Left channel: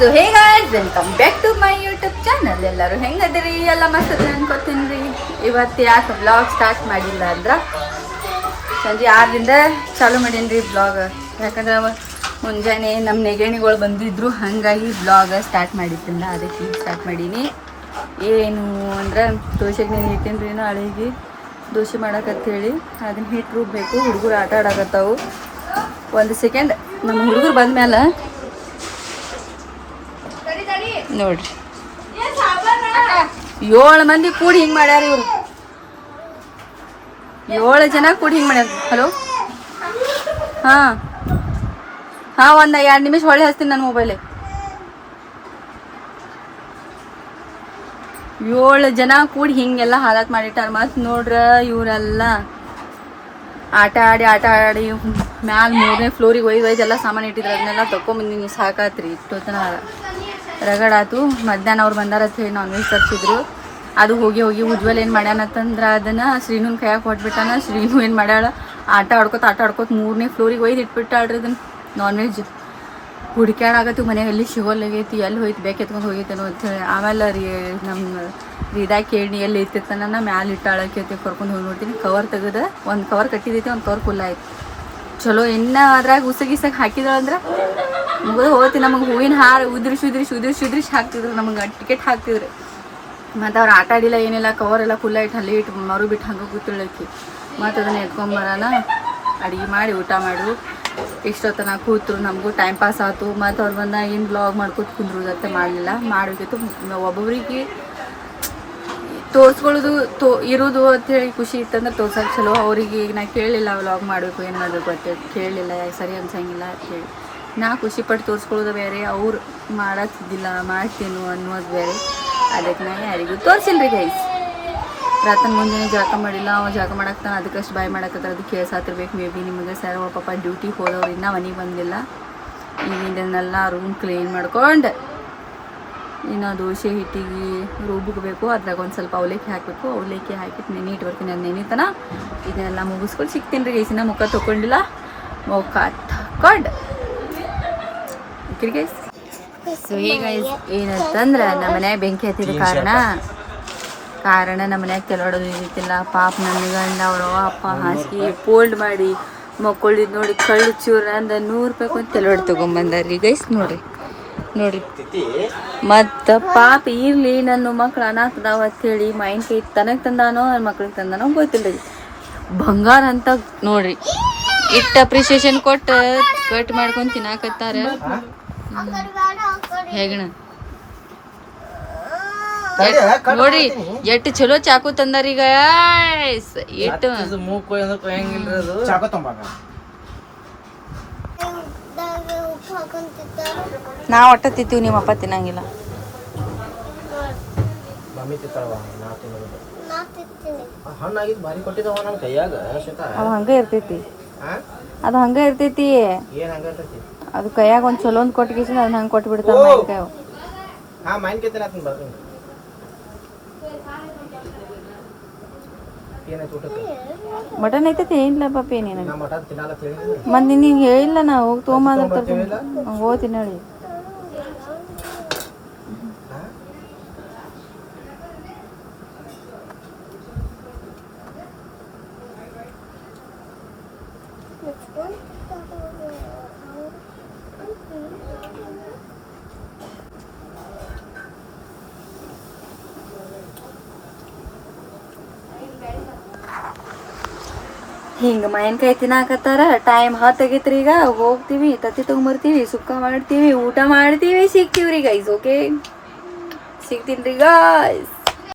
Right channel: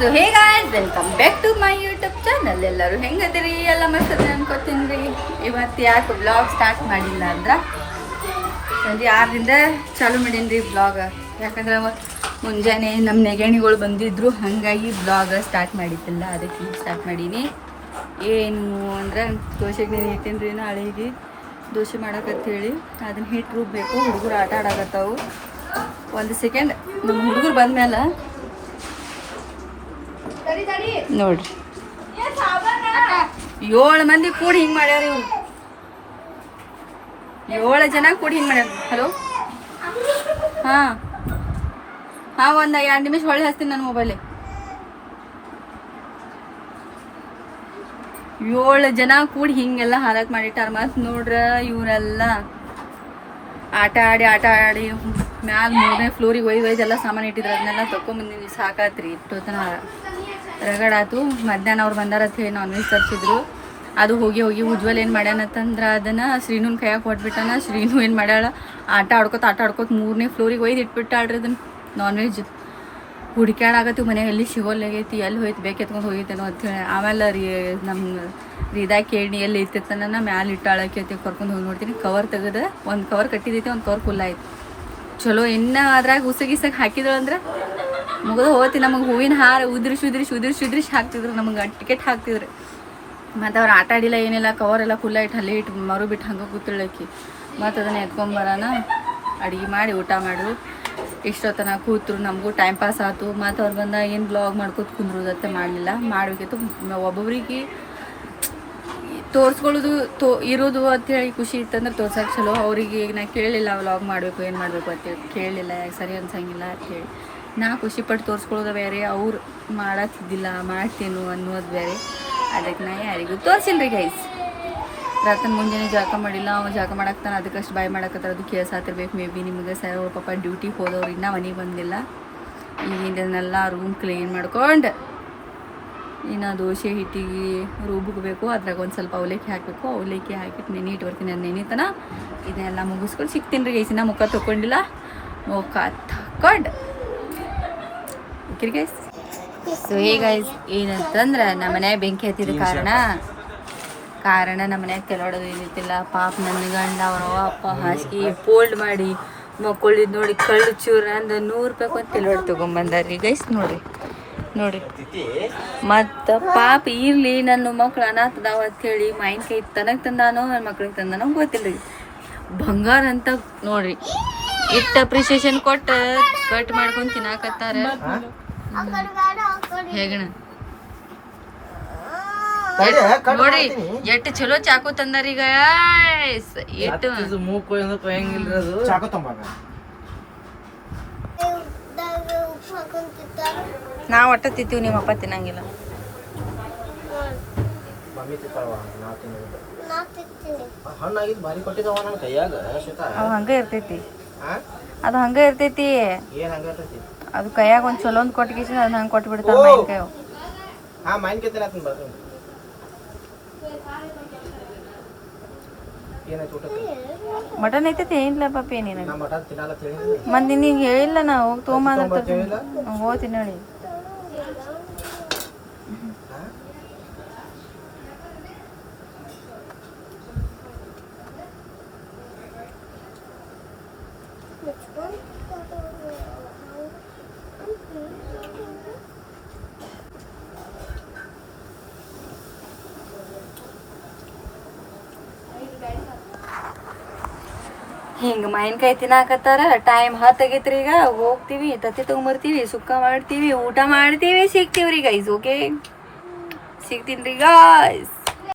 So hey guys, welcome back to my YouTube channel. ಎಲ್ಲರೂ ಹೆಂಗದಿರಿ? ಎಲ್ಲ ಮಸ್ತದ ಅನ್ಕೋತೀನಿ ರೀ. ಇವತ್ತು ಯಾಕೆ ಬ್ಲಾಗ್ ಸ್ಟಾರ್ಟ್ ಮಾಡಿಲ್ಲ ಅಂದ್ರೆ ಸಂಜೆ 6ರಿಂದ ಚಾಲು ಮಾಡೀನಿ ರೀ ಬ್ಲಾಗ್. ಯಾಕಂದ್ರೆ ಮುಂಜಾನೆ ನಮ್ಮ ನೆಗಣಿಗಳು ಬಂದಿದ್ರು, ಹಾಗಾಗಿ ಬ್ಲಾಗ್ ಸ್ಟಾರ್ಟ್ ಮಾಡಿದ್ದಿಲ್ಲ. ಅದಕ್ಕೆ ಈಗ ಸ್ಟಾರ್ಟ್ ಮಾಡೀನಿ. ಏನು ಅಂದ್ರೆ ದೋಸೆಗೆ ನೀನು ಇಟ್ಟೀನಿ ರೀ ನಾಳೆಗೆ ದೋಸೆ ಹೇಳಿ ಅದನ್ನ ಹಿಟ್ಟು ರುಬ್ಬೇಕು. ಹುಡುಗರು ಆಟ ಆಡಕತ್ತಾವು. ಒಂದು ಸೆಕೆಂಡ್, ನಮ್ಮ ಹುಡುಗರು ಬಂದ್ಮೇಲೆ ನೋಡ್ರಿ 7 ಮಂದಿ ಕೂಡಿ ಹಿಂಗೆ ಮಾಡ್ಯಾರ. ಇವ್ರು 7 ಜನ ಕೂಡಿ ಹಿಂಗೆ ಮಾಡ್ಯಾರ. ಹಲೋ, ಹಾಂ ಒಂದು 2 ನಿಮಿಷ ಹೊಳ್ಳಿ ಹಚ್ತೀನಿ ನನ್ನ ಮೊಬೈಲೇ. 7 ಜನ ಕೂಡಿ ಹಿಂಗೆಲ್ಲ ಹಾಲತ್ ಮಾಡಿಟ್ಟಾರ. ಮತ್ತು ನೋಡ್ರ ಇವರೆಲ್ಲ ಆಟ ಆಡಿ ಮ್ಯಾಲ 3ನೇ ಫ್ಲೋರಿಗೆ ಒಯ್ದೆಲ್ಲ ಸಾಮಾನು ಇಟ್ಟಿದ್ರು. ಅದನ್ನೆಲ್ಲ ತೊಗೊಂಬಂದಿನಿ. ಸಾಕಾತ್ರಿ, ಇಷ್ಟೊತ್ತನ ರಗಡಾತು. ಮಧ್ಯಾಹ್ನ ಅವ್ರು ಬಂದಾರತ್ ಹೇಳಿ ನಾನ್ ವೆಜ್ ತರಿಸಿದ್ರು. ಅದು ಹೋಗಿ ಉಜ್ವಲ್ ಏನು ಮಾಡ್ಯಾನತ್ತಂದ್ರೆ ಅದನ್ನು ಶ್ರೀನುನ್ ಕೈಯಾಗ ಕೊಟ್ಬಿಟ್ಟಾನ. ಶ್ರೀನು ಏನು ಮಾಡ್ಯಾಳ, ಆಟ ಆಡ್ಕೋತ 3ನೇ ಫ್ಲೋರಿಗೆ ಒಯ್ದು ಇಟ್ಬಿಟ್ಟಾಳ್ರಿ ಅದನ್ನು. ನಾನ್ ವೆಜ್ ಹುಡುಕ್ಯಾಡಾಗತ್ತು ಮನೆಗೆ, ಎಲ್ಲಿ ಸಿಗೋಲ್ಲಾಗೈತಿ, ಎಲ್ಲಿ ಹೋಯ್ತು, ಬೇಕು ಎತ್ಕೊಂಡು ಹೋಗೈತೇನೋ ಅಂಥೇಳಿ. ಆಮೇಲೆ ನಮ್ಮ ರೀದಾ ಕೇಳಿ ಎಲ್ಲಿ ಇತ್ತಿತ್ತನ ಮ್ಯಾಲೆ ಇಟ್ಟಾಳಕ್ಕೆ ಕರ್ಕೊಂಡು ಹೋಗಿ ನೋಡ್ತೀನಿ. ಕವರ್ ತೆಗೆದು ಒಂದು ಕವರ್ ಕಟ್ಟಿದೈತಿ, ಒಂದು ಕವರ್ ಫುಲ್ ಆಯ್ತು. ಚಲೋ ಇನ್ನು ಅದ್ರಾಗ ಉಸಗಿಸಾಗ ಹಾಕಿದಳಂದ್ರೆ ಮುಗಿದು ಹೋಗ್ತಿ. ನಮಗೆ ಹೂವಿನ ಹಾರ ಉದ್ರಿಸಿ ಹಾಕ್ತಿದ್ರು. ನಮಗೆ ಟಿಕೆಟ್ ಹಾಕ್ತಿದ್ರು. ಮತ್ತು ಅವ್ರು ಆಟ ಆಡಿಲ್ಲ ಏನಿಲ್ಲ. ಕವರ್ ಎಲ್ಲ ಫುಲ್ ಇಟ್ಟು ಅಲ್ಲಿ ಇಟ್ಟು ಮರು ಬಿಟ್ಟು ಹಂಗೆ ಕೂತಿಳಕ್ಕಿ. ಮತ್ತು ಅದನ್ನು ಎತ್ಕೊಂಬರೋಣ, ಅಡುಗೆ ಮಾಡಿ ಊಟ ಮಾಡು. ಇಷ್ಟೊತ್ತನ ಕೂತರು. ನಮಗೂ ಟೈಮ್ ಪಾಸ್ ಆಯ್ತು. ಮತ್ತು ಅವ್ರು ಬಂದಾಗ ಏನು ಬ್ಲಾಗ್ ಮಾಡ್ಕೊತ ಕುಂದ್ರೋದತ್ತೆ ಮಾಡಲಿಲ್ಲ. ಮಾಡಬೇಕಿತ್ತು. ಒಬ್ಬೊಬ್ರಿಗೆ ತೋರಿಸ್ಕೊಳ್ಳೋದು ಇರೋದು ಅಂಥೇಳಿ ಖುಷಿ ಇತ್ತಂದ್ರೆ ತೋರ್ಸೋಕೆ ಚಲೋ. ಅವ್ರಿಗೆ ಈಗ ನಾ ಕೇಳಲಿಲ್ಲ ವ್ಲಾಗ್ ಮಾಡಬೇಕು ಏನು ಮಾಡಬೇಕು ಅಂತೇಳಿ ಕೇಳಲಿಲ್ಲ. ಯಾಕೆ ಸರಿ ಅನ್ಸಂಗಿಲ್ಲ ಅಂತೇಳಿ ನಾ ಖುಷಿಪಟ್ಟು ತೋರಿಸ್ಕೊಳ್ಳೋದು ಬೇರೆ, ಅವ್ರು ಮಾಡತ್ತಿದ್ದಿಲ್ಲ ಮಾಡ್ತೇನು ಅನ್ನೋದು ಬೇರೆ. ಅದಕ್ಕೆ ನಾ ಯಾರಿಗೂ ತೋರಿಸಿಲ್ಲ ರೀ ಗೈಸ್. ರಾತನ ಮುಂಜಾನೆ ಜಾಕ ಮಾಡಿಲ್ಲ, ಅವ ಜಾಕ ಮಾಡಾಕ್ತಾನೆ. ಅದಕ್ಕಷ್ಟು ಬಾಯ್ ಮಾಡಕತ್ತಾರ. ಅದು ಕೇಳ್ಸಾತಿರ್ಬೇಕು ಮೇ ಬಿ ನಿಮಗೆ. ಸರ್ ಅವ್ರ ಪಾಪ ಡ್ಯೂಟಿಗೆ ಹೋದವ್ರು ಇನ್ನೂ ಮನೆಗೆ ಬಂದಿಲ್ಲ. ಈಗಿಂದನ್ನೆಲ್ಲ ರೂಮ್ ಕ್ಲೀನ್ ಮಾಡ್ಕೊಂಡು ಇನ್ನು ದೋಸೆ ಹಿಟ್ಟಿಗೆ ರುಬ್ಬೇಕು. ಅದ್ರಾಗ ಒಂದು ಸ್ವಲ್ಪ ಅವಲಕ್ಕಿ ಹಾಕಬೇಕು. ಅವಲಕ್ಕಿ ಹಾಕಿಟ್ಟು ನೆನೆ ಬರ್ತೀನಿ. ಅದು ನೆನಿತನ ಇದನ್ನೆಲ್ಲ ಮುಗಿಸ್ಕೊಂಡು ಸಿಗ್ತೀನಿ ರೀ ಗೈಸ್. ಇನ್ನು ಮುಖ ತೊಗೊಂಡಿಲ್ಲ, ಮುಖ ತಕೊಂಡು ಗೈಸ್. ಸೊ ಹೇ ಗೈಸ್, ಏನಂತಂದ್ರೆ ನಮ್ಮ ಮನ್ಯಾಗ ಬೆಂಕಿ ಹತ್ತಿದ ಕಾರಣ ನಮ್ಮ ಮನ್ಯಾಗ ತೆಲೋಡೋದು ಇದ್ದಿತ್ತಿಲ್ಲ. ಪಾಪ ನನ್ನ ಗಂಡ ಅವ್ರವ ಅಪ್ಪ ಹಾಸಿಗೆ ಫೋಲ್ಡ್ ಮಾಡಿ ಮಕ್ಕಳಿದ್ ನೋಡಿ ಕಳ್ಳು ಚೂರು ಅಂದ 100 ರೂಪಾಯಿ ಒಂದು ತೆಲೋಡ್ ತೊಗೊಂಬಂದಾರ್ರಿ ಗೈಸ್. ನೋಡ್ರಿ ಮತ್ತು ಪಾಪ ಇರಲಿ ನನ್ನ ಮಕ್ಳು ಅನಾಥದಾವ ಅಂತೇಳಿ ಮಾಯಿನ ಕೈ ತನಗೆ ತಂದಾನೋ ನನ್ನ ಮಕ್ಳಿಗೆ ತಂದಾನೋ ಗೊತ್ತಿಲ್ಲ ರೀ. ಬಂಗಾರ ಅಂತ ನೋಡ್ರಿ ಇಟ್ಟು ಅಪ್ರಿಸಿಯೇಷನ್ ಕೊಟ್ಟು ಕಟ್ ಮಾಡ್ಕೊಂಡು ತಿನ್ನಾಕತ್ತಾರ. ಹೇಗಣ ನೋಡ್ರಿ ಎಷ್ಟು ಚಲೋ ಚಾಕು ತಂದಾರೀಗ. ಎಷ್ಟು ನಾವು ಒಟ್ಟ ತಿಂತೀವಿ, ನಿಮ್ಮಪ್ಪ ತಿನ್ನಂಗಿಲ್ಲ. ಹಂಗೆ ಇರ್ತೈತಿ, ಅದು ಹಂಗೆ ಇರ್ತೈತಿ. ಅದು ಕೈಯಾಗ ಒಂದು ಚಲೋ ಒಂದು ಕೊಟ್ಟಿಗೆ ಅದನ್ನ ಹಂಗೆ ಕೊಟ್ಟು ಬಿಡ್ತಾವ. ಮಟನ್ ಐತೈತಿ ಏನಿಲ್ಲ ಪಾಪಿ ನೀನು. ಮತ್ತೆ ನಿನಗೆ ಹೇಳಿಲ್ಲ ನಾ ಹೋಗಿ ತೊಗೊಂಬ ಹೋಗ್ತೀನಿ ನೋಡಿ. ಹಿಂಗೆ ಮಾವಿನಕಾಯಿ ತಿನ್ನಾಕತ್ತಾರ. ಟೈಮ್ 10 ಆಗೈತ್ರಿ. ಈಗ ಹೋಗ್ತೀವಿ, ತತ್ತಿ ತೊಗೊಂಬರ್ತೀವಿ, ಸುಕ್ಕ ಮಾಡ್ತೀವಿ, ಊಟ ಮಾಡ್ತೀವಿ, ಸಿಗ್ತೀವಿ ರೀ ಗೈಸ್. ಓಕೆ, ಸಿಗ್ತೀನಿ ರೀ ಗಾಯ್ಸ್.